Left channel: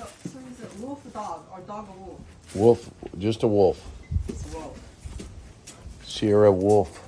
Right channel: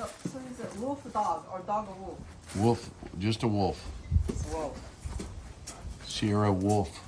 So is it wolf dog or dog wolf? Wolf, just a wolf. It's wolf. Sierra Wolf.